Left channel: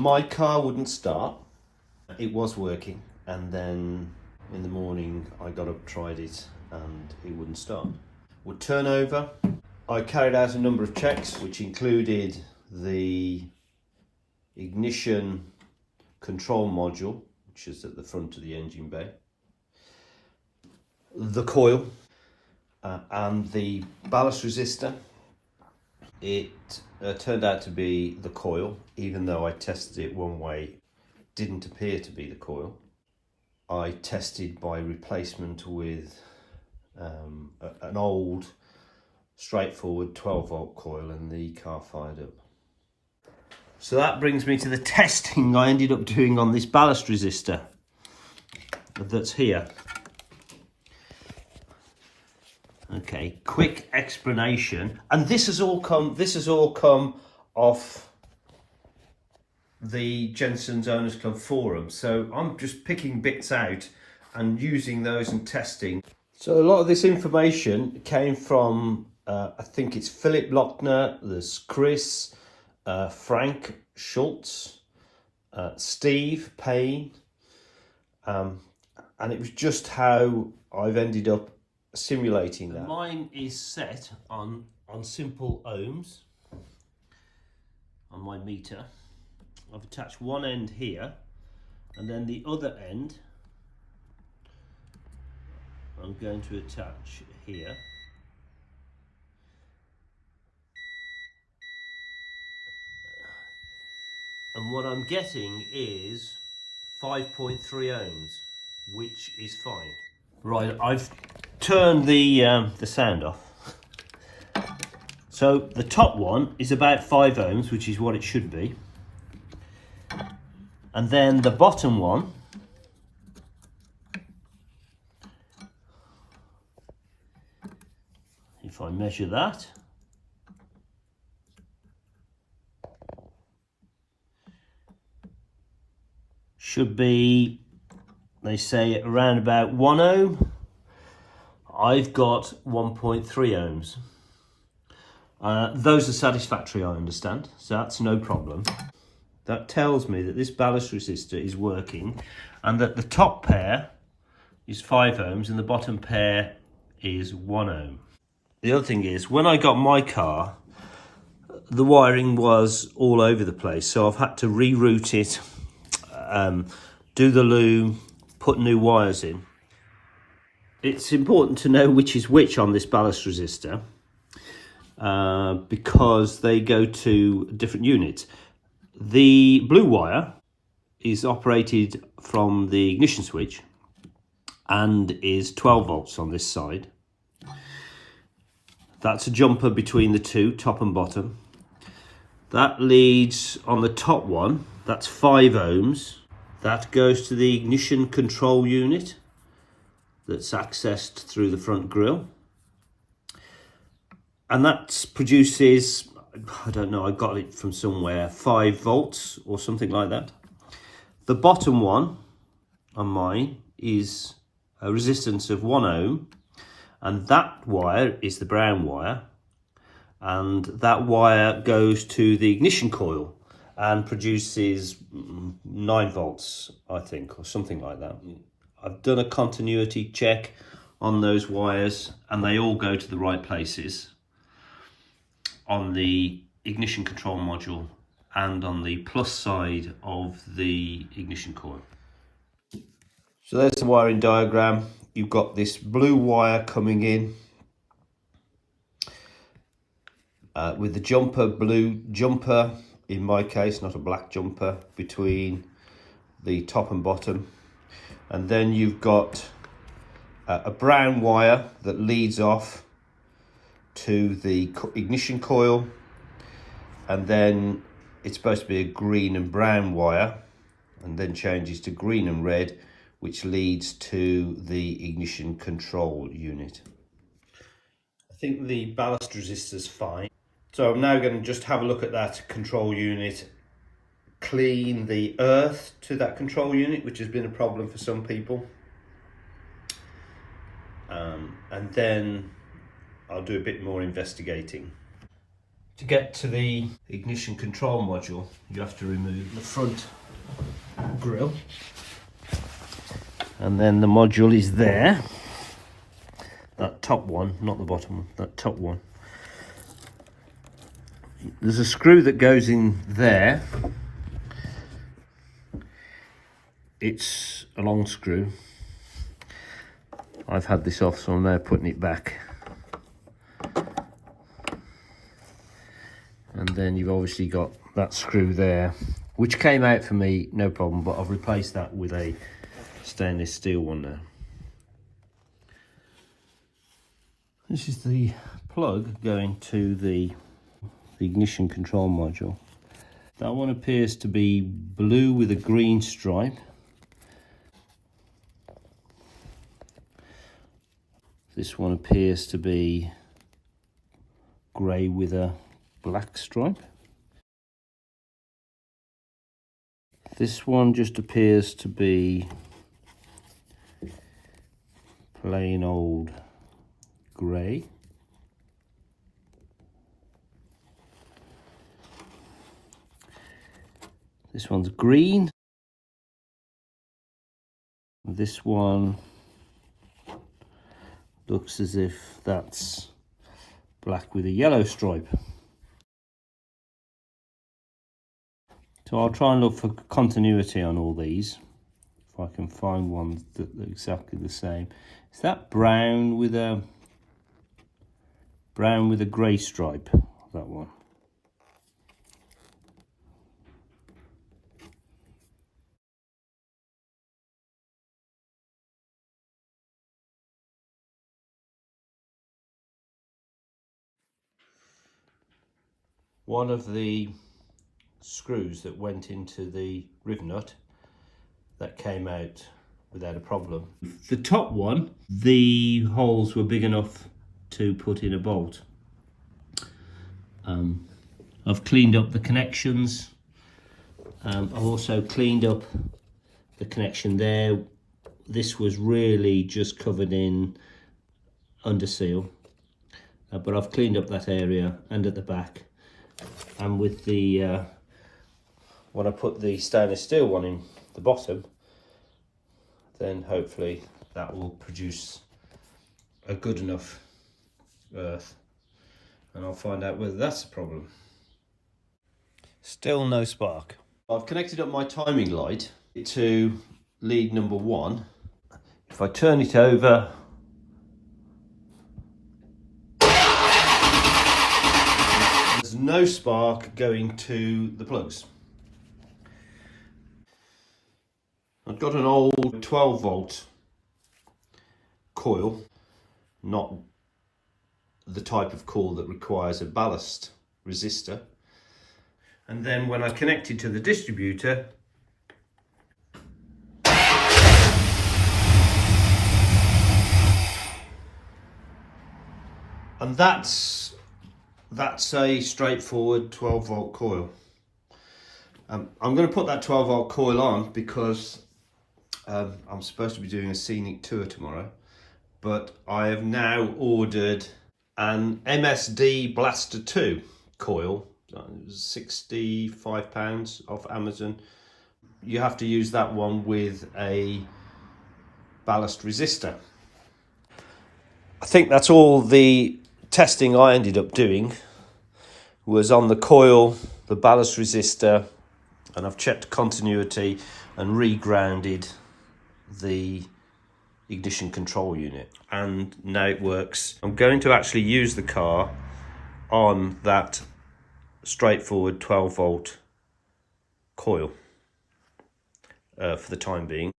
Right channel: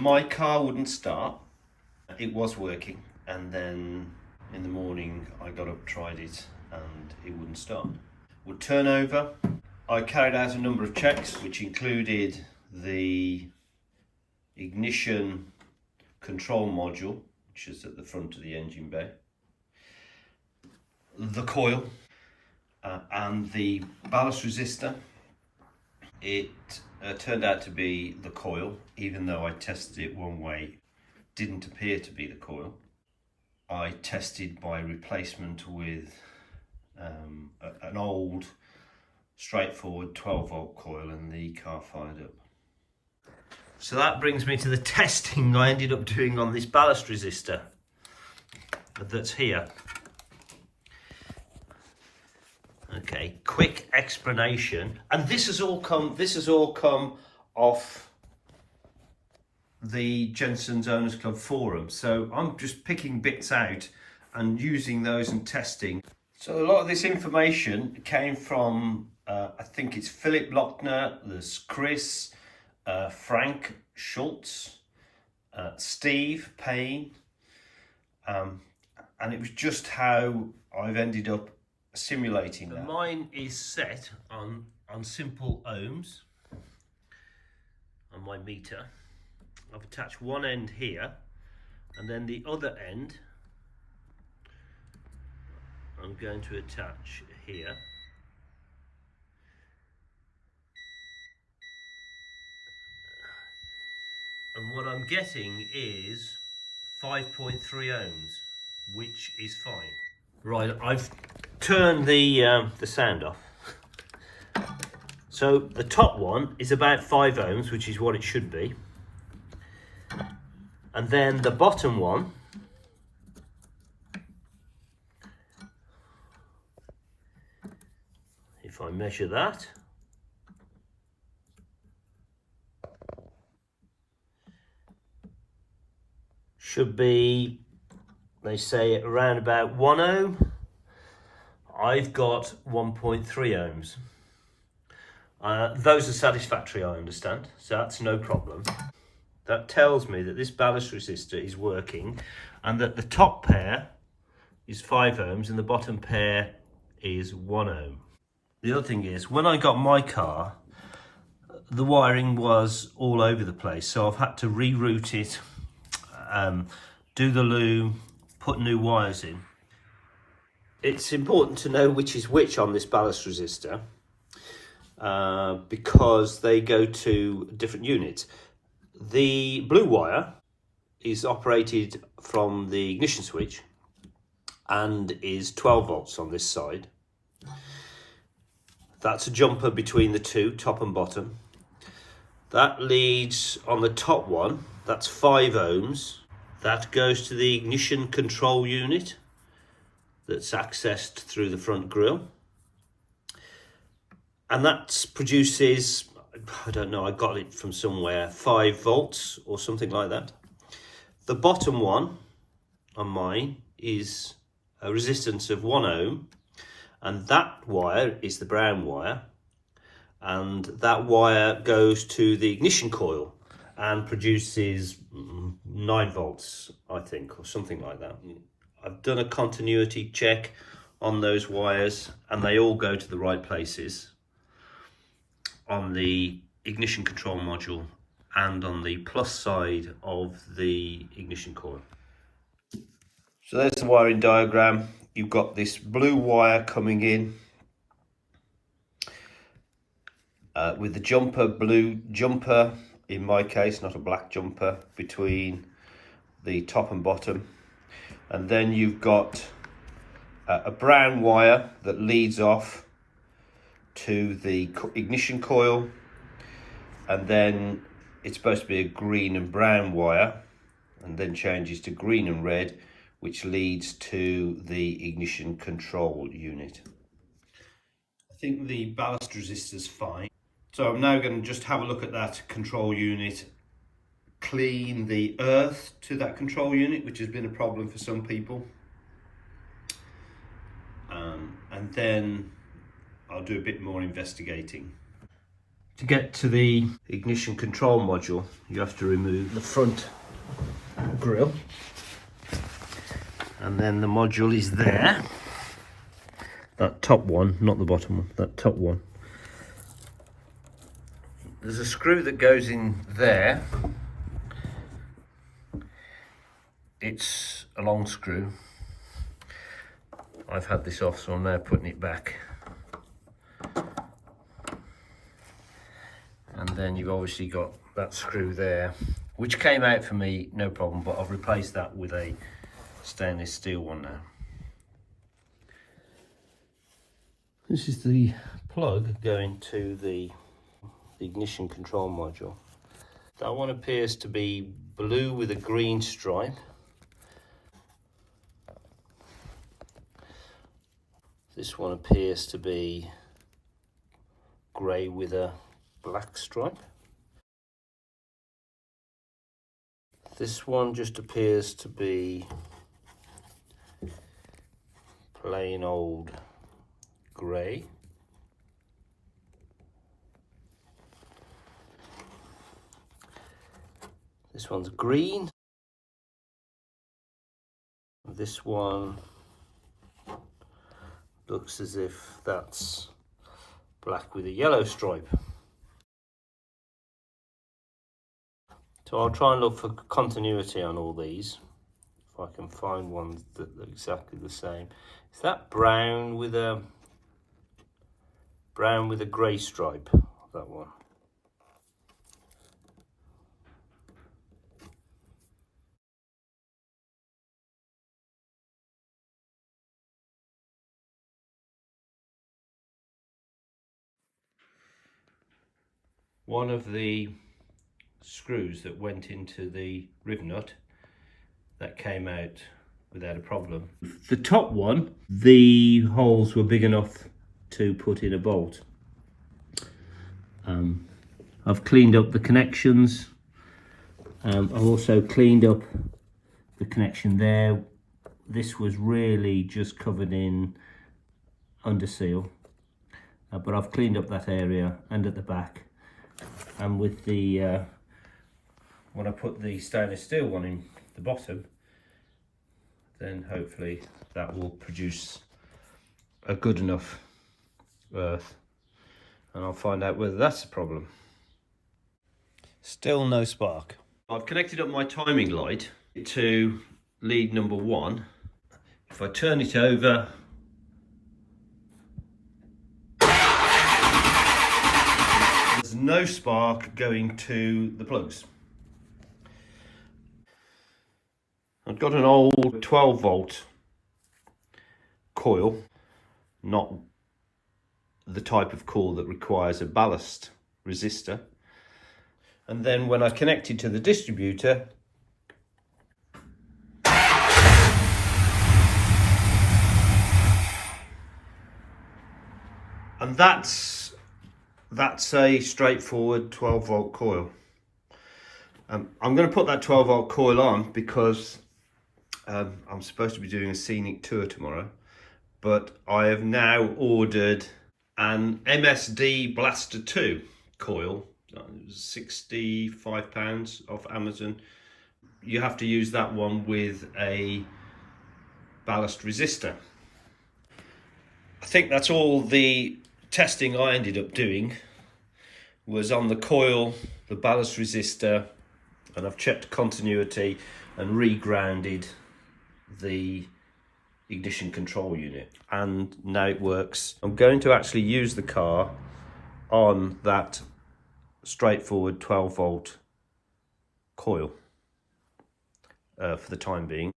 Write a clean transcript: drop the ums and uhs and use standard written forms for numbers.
My car wouldn't start. It was working, and then in the morning I got up, tried it, and it wouldn't start. Would turn over. I carried out a number of checks, which included the ignition control module, which is at the front of the engine bay, the coil, and the ballast resistor. It turned out to be the coil, even though I tested it one way, didn't appear to be the coil. I tested by replacement with an old straightforward 12-volt coil, and the car fired up. So that brings me to the testing I ended up doing on this ballast resistor that's here. Okay, quick explanation, and this has all come off the Jensen's Owners Club forum, so I'm just picking bits out and using those and testing. So a lot of this information came from I think it's Philip Lochner, there's Chris, Frank Schultz, Steve Payne, and it was just how I've ended up simulating that. Mine is set on simple ohms on my meter. I've attached one end here, and then the other end I'm going to attach here. And what I'm getting is 5.3 ohms, which is fine. Right, I've turned the sound off. So the top one is about 5 ohms, which is what it should be. And then the bottom one if I measure that, should be, they say, around about 1 ohm. I've got 1.3 ohms. Those are satisfactory, I understand, so that's no problem. That tells me that this ballast resistor is working, and that the top pair is 5 ohms and the bottom pair is 1 ohm. The other thing is, when I got my car, the wiring was all over the place, so I've had to reroute it, do the loom, put new wires in. It's important to know which is which on this ballast resistor, because they go to different units. The blue wire is operated from the ignition switch and is 12 volts on this side. That's a jumper between the two, top and bottom. That leads on the top one, that's 5 ohms. That goes to the ignition control unit that's accessed through the front grille. And that produces, I don't know, I got it from somewhere, 5 volts or something like that. The bottom one on mine is a resistance of 1 ohm, and that wire is the brown wire, and that wire goes to the ignition coil and produces 9 volts, I think, or something like that. I've done a continuity check on those wires, and they all go to the right places on the ignition control module and on the plus side of the ignition coil. So there's the wiring diagram. You've got this blue wire coming in with the jumper, blue jumper, in my case, not a black jumper, between the top and bottom. And then you've got a brown wire that leads off to the ignition coil, and then it's supposed to be a green and brown wire, and then changes to green and red, which leads to the ignition control unit. I think the ballast resistor's fine. So I'm now going to just have a look at that control unit, clean the earth to that control unit, which has been a problem for some people. And then I'll do a bit more investigating. To get to the ignition control module, you have to remove the front grille, and then the module is there. That top one, not the bottom one, that top one. There's a screw that goes in there. It's a long screw. I've had this off, so I'm now putting it back. And then you've obviously got that screw there, which came out for me, no problem, but I've replaced that with a stainless steel one now. This is the plug going to the ignition control module. That one appears to be blue with a green stripe. This one appears to be grey with a black stripe. This one just appears to be plain old grey. This one's green. This one looks as if that's black with a yellow stripe. So I'll try and look for continuity on all these, if I can find ones that are exactly the same. Is that brown with a grey stripe? That one. One of the screws that went into the riv nut, that came out without a problem. The top one, the holes were big enough to put in a bolt. I've cleaned up the connections. I've also cleaned up the connection there. This was really just covered in under seal, but I've cleaned up that area and at the back. And with the when I put the stainless steel one in the bottom, then hopefully that will produce a good enough earth, and I'll find out whether that's a problem. Still no spark. I've connected up my timing light to lead number 1. If I turn it over, there's no spark going to the plugs. I've got an old 12 volt coil, not the type of coil that requires a ballast resistor. And then when I connect it to the distributor, and that's a straightforward 12 volt coil. I'm going to put that 12 volt coil on because I'm supposed to be doing a scenic tour tomorrow, but I have now ordered an MSD Blaster 2 coil, £65 off Amazon. You have to use that one with a ballast resistor. I think that's all the testing I ended up doing was on the coil, the ballast resistor, and I've checked continuity and re-grounded the ignition control unit, and now it works. I'm going to actually use the car on that straightforward 12 volt coil for the time being.